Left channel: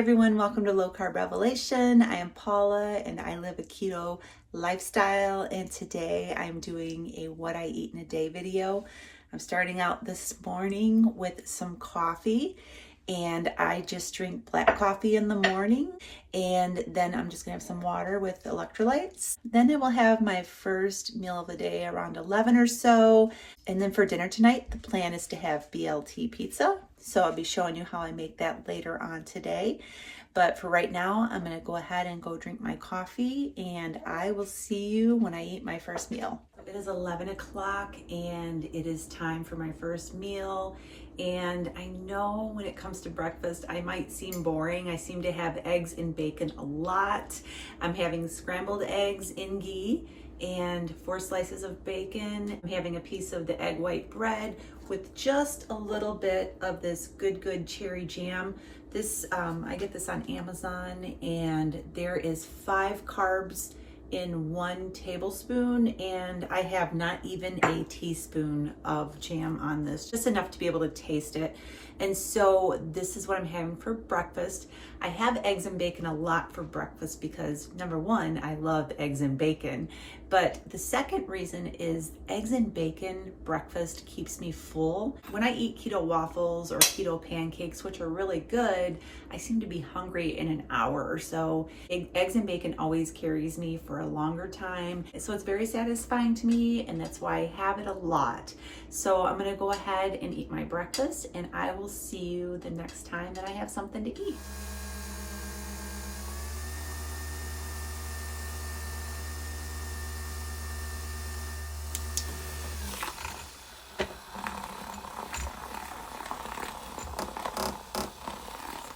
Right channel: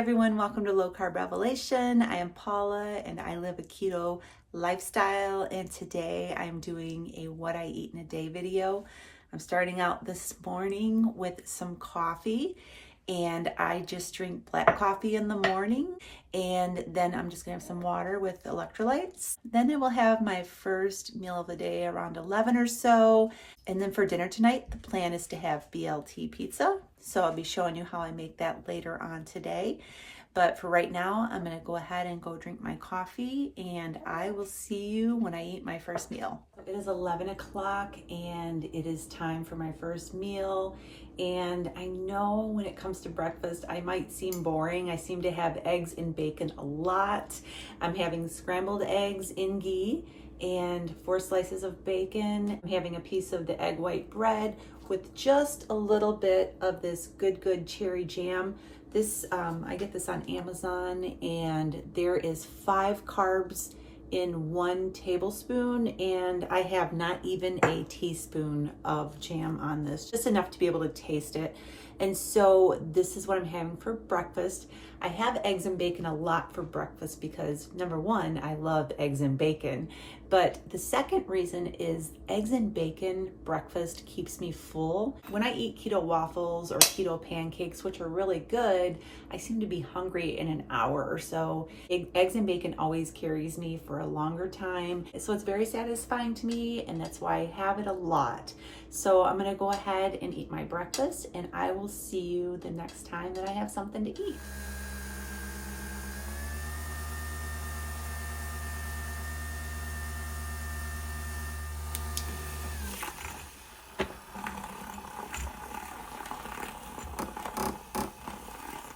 everyone, welcome to Low Carb Revelation. I am Paula and I live a keto lifestyle, and today I'm doing a what I eat in a day video. I'm starting out this morning with some coffee, and I just drink black coffee in the morning, and then I'm just gonna have some water with electrolytes. Then I will have my first meal of the day around 11 or so, and then for dinner tonight the plan is to have BLT pizza, so I'll be showing you how I make that later on today. But for right now, I'm gonna go ahead and go drink my coffee, and I will see you when I eat my first meal. It is 11 o'clock and it is time for my first meal. And I know when it comes to breakfast, I might seem boring. I seem to have eggs and bacon a lot. I'm having scrambled eggs in ghee and 4 slices of bacon. I'm having a piece of the egg white bread with just a little bit of this good cherry jam. This, I get this on Amazon, and there is 5 carbs in 1 tablespoon, and I have not even a teaspoon of jam on this, just enough to be able to taste it. And so this is what I'm having for breakfast. I have eggs and bacon a lot for breakfast because, number one, I love eggs and bacon. But the second reason is eggs and bacon breakfast keeps me full. When I eat keto waffles or keto pancakes, which are really good, I seem to be hungry in an hour or so. Eggs and bacon always carries me for a longer time. So it's very satisfying to me, and that's why I have it a lot. So I'm gonna go ahead and eat my breakfast, and I will see you the next time that I have something to eat.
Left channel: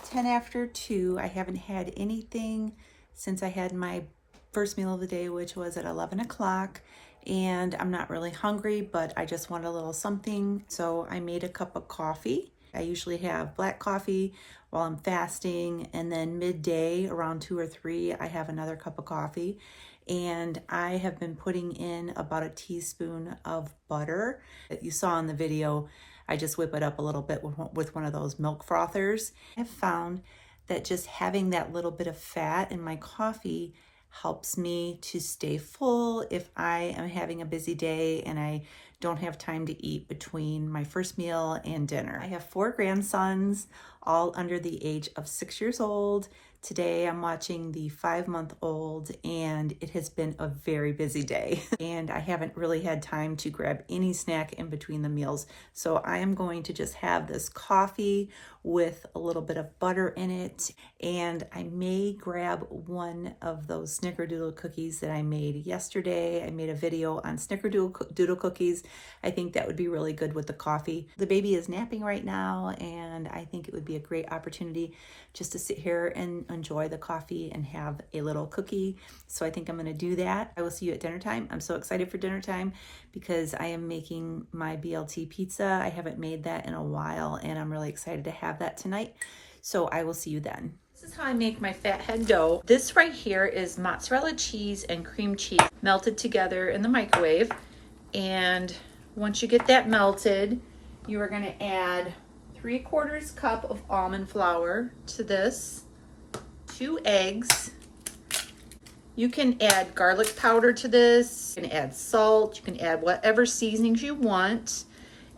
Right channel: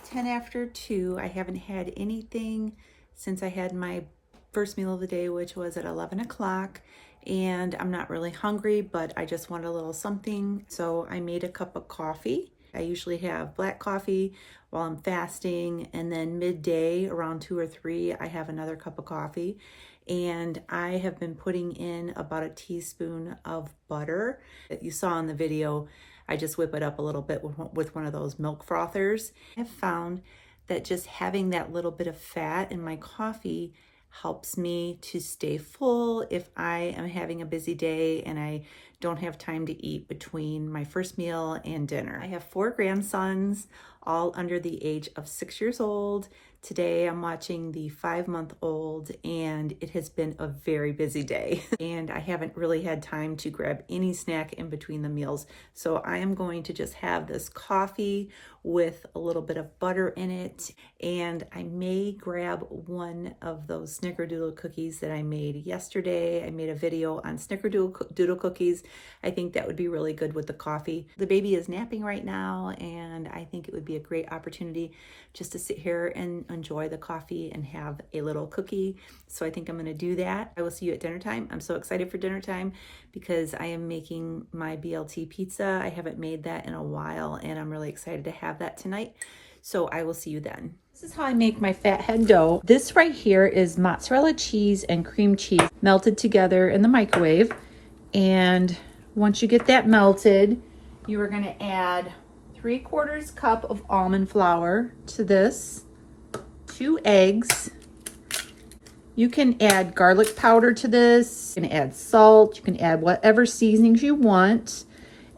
It's 10 after 2. I haven't had anything since I had my first meal of the day, which was at 11 o'clock. And I'm not really hungry, but I just want a little something. So I made a cup of coffee. I usually have black coffee while I'm fasting, and then midday around 2 or 3, I have another cup of coffee. And I have been putting in about a teaspoon of butter. That you saw in the video, I just whip it up a little bit with one of those milk frothers. I've found that just having that little bit of fat in my coffee helps me to stay full if I am having a busy day and I don't have time to eat between my first meal and dinner. I have 4 grandsons, all under the age of 6 years old. Today I'm watching the 5-month-old, and it has been a very busy day. And I haven't really had time to grab any snack in between the meals. So I am going to just have this coffee with a little bit of butter in it. And I may grab one of those snickerdoodle cookies that I made yesterday. I made a video on snickerdoodle cookies. I think that would be really good with the coffee. The baby is napping right now, and I think it would be a great opportunity just to sit here and enjoy the coffee and have a little cookie. So I think I'm gonna do that. I will see you at dinner time. I'm so excited for dinner time because I am making my BLT pizza. I haven't made that in a while, and I'm really excited to have that tonight. So I will see you then. This is how I make my fathead dough. This right here is mozzarella cheese and cream cheese melted together in the microwave. And once you get that melted, you are gonna add 3/4 cup of almond flour to this, 2 eggs. You can add garlic powder to this, you can add salt, you can add whatever seasonings you want.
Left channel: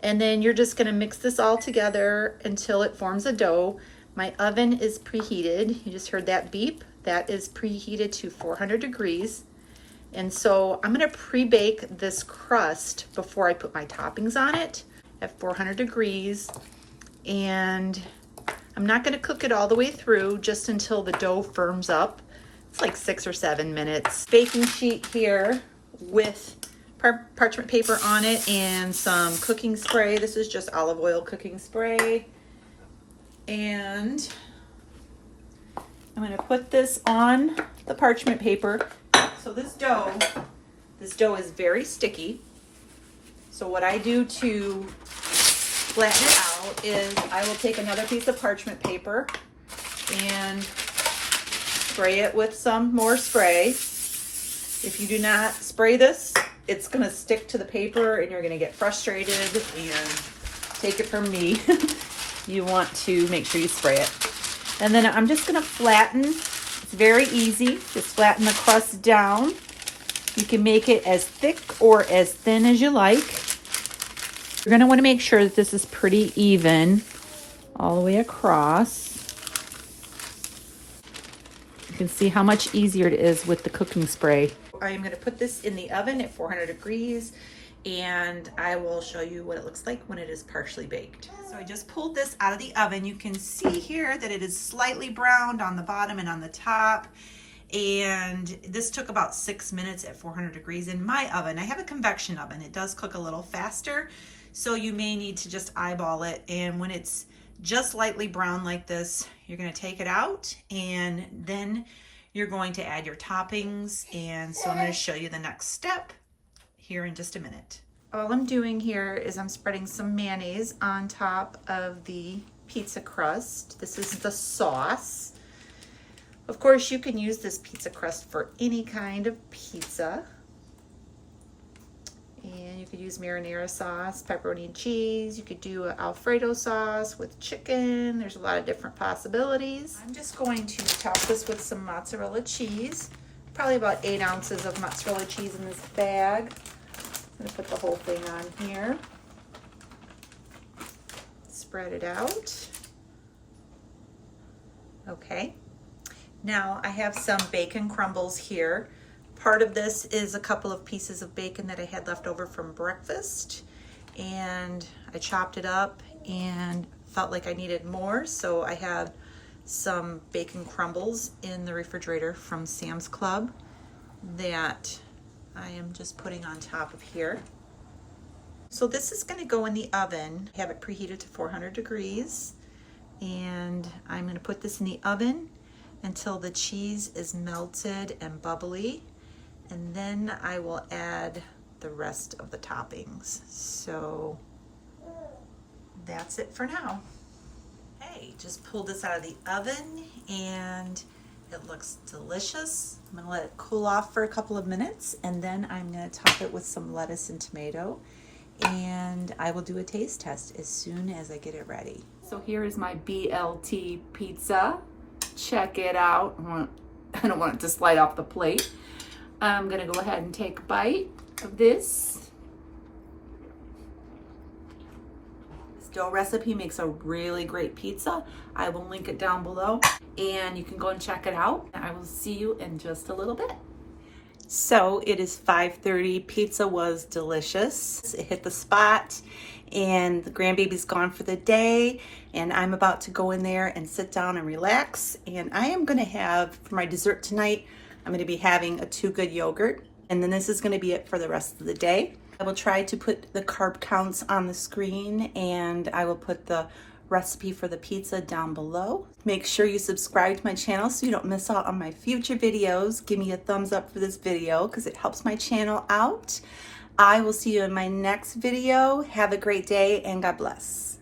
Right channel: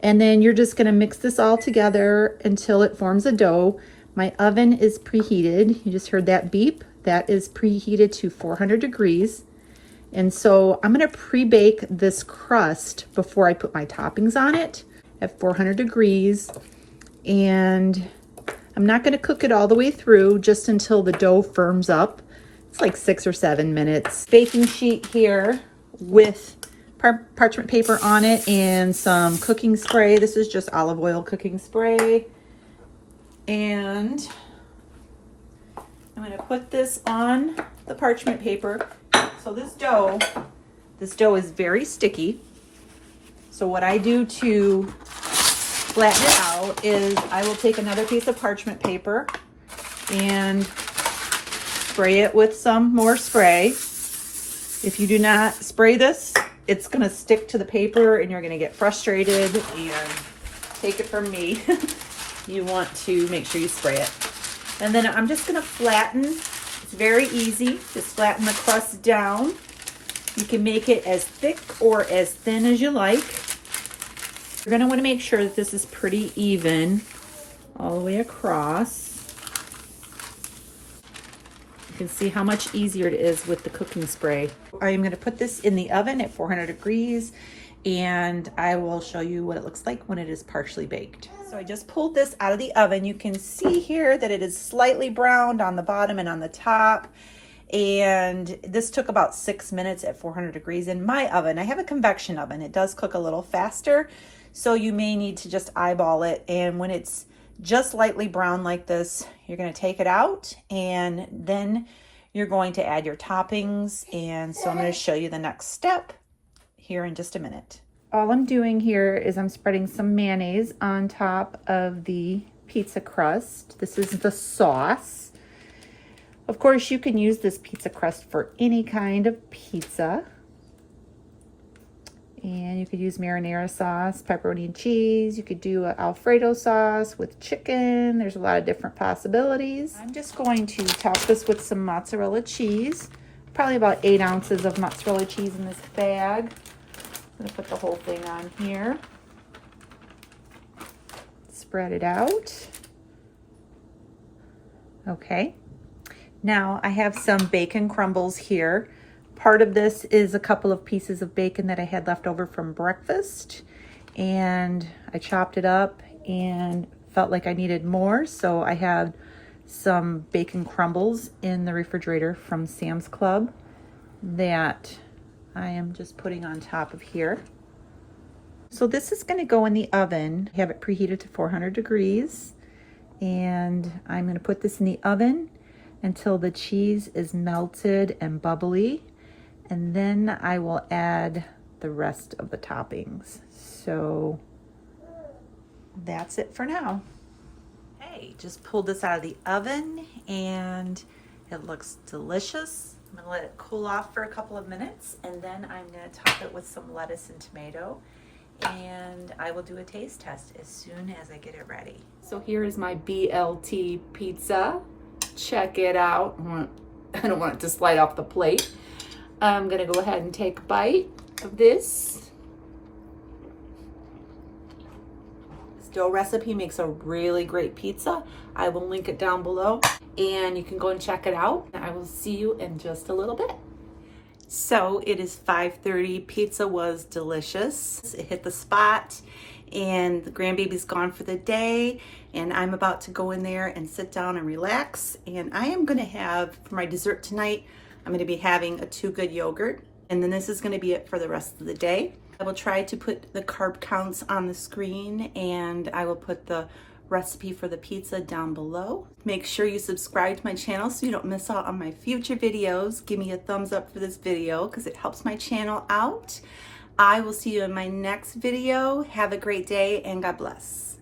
And then you're just gonna mix this all together until it forms a dough. My oven is preheated. You just heard that beep. That is preheated to 400 degrees. And so I'm gonna pre-bake this crust before I put my toppings on it at 400 degrees. And I'm not gonna cook it all the way through, just until the dough firms up. It's like 6 or 7 minutes. Baking sheet here with parchment paper on it and some cooking spray. This is just olive oil cooking spray. And I'm gonna put this on the parchment paper. So this dough is very sticky. So what I do to flatten it out is I will take another piece of parchment paper and spray it with some more spray. If you do not spray this, it's gonna stick to the paper and you're gonna get frustrated, and take it from me. You want to make sure you spray it. And then I'm just gonna flatten. It's very easy. Just flatten the crust down. You can make it as thick or as thin as you like. You're gonna wanna make sure that this is pretty even all the way across. You can see how much easier it is with the cooking spray. I'm gonna put this in the oven at 400 degrees and I will show you what it looks like when it is partially baked. So I just pulled this out of the oven. You can see here that it is slightly browned on the bottom and on the top. And this took about 6 minutes at 400 degrees in my oven. I have a convection oven. It does cook a little faster, so you may need to just eyeball it. And when it's just lightly brown like this, you're going to take it out and then you're going to add your toppings. And so I'm going to show you the next step here in just a minute. All I'm doing here is I'm spreading some mayonnaise on top of the pizza crust. This is the sauce. Of course, you can use this pizza crust for any kind of pizza. And you could use marinara sauce, pepperoni and cheese. You could do an Alfredo sauce with chicken. There's a lot of different possibilities. I'm just going to top this with some mozzarella cheese. Probably about 8 ounces of mozzarella cheese in this bag. I'm gonna put the whole thing on here. Spread it out. Okay. Now I have some bacon crumbles here. Part of this is a couple of pieces of bacon that I had left over from breakfast, and I chopped it up and felt like I needed more, so I had some bacon crumbles in the refrigerator from Sam's Club that I am just putting on top of here. So this is going to go in the oven. I have it preheated to 400 degrees, and I'm going to put this in the oven until the cheese is melted and bubbly, and then I will add the rest of the toppings. So that's it for now. Hey, just pulled this out of the oven and it looks delicious. I'm gonna let it cool off for a couple of minutes, and then I'm gonna top it with some lettuce and tomato, and I will do a taste test as soon as I get it ready. So here is my BLT pizza. Check it out. I don't want it to slide off the plate. I'm gonna go ahead and take a bite of this. This dough recipe makes a really great pizza. I will link it down below and you can go and check it out. I will see you in just a little bit. So it is 5:30. Pizza was delicious. It hit the spot and the grandbaby's gone for the day, and I'm about to go in there and sit down and relax. And I am gonna have, for my dessert tonight, I'm gonna be having a 2 Good yogurt, and then this is gonna be it for the rest of the day. I will try to put the carb counts on the screen, and I will put the recipe for the pizza down below. Make sure you subscribe to my channel so you don't miss out on my future videos. Give me a thumbs up for this video because it helps my channel out. I will see you in my next video. Have a great day and God bless.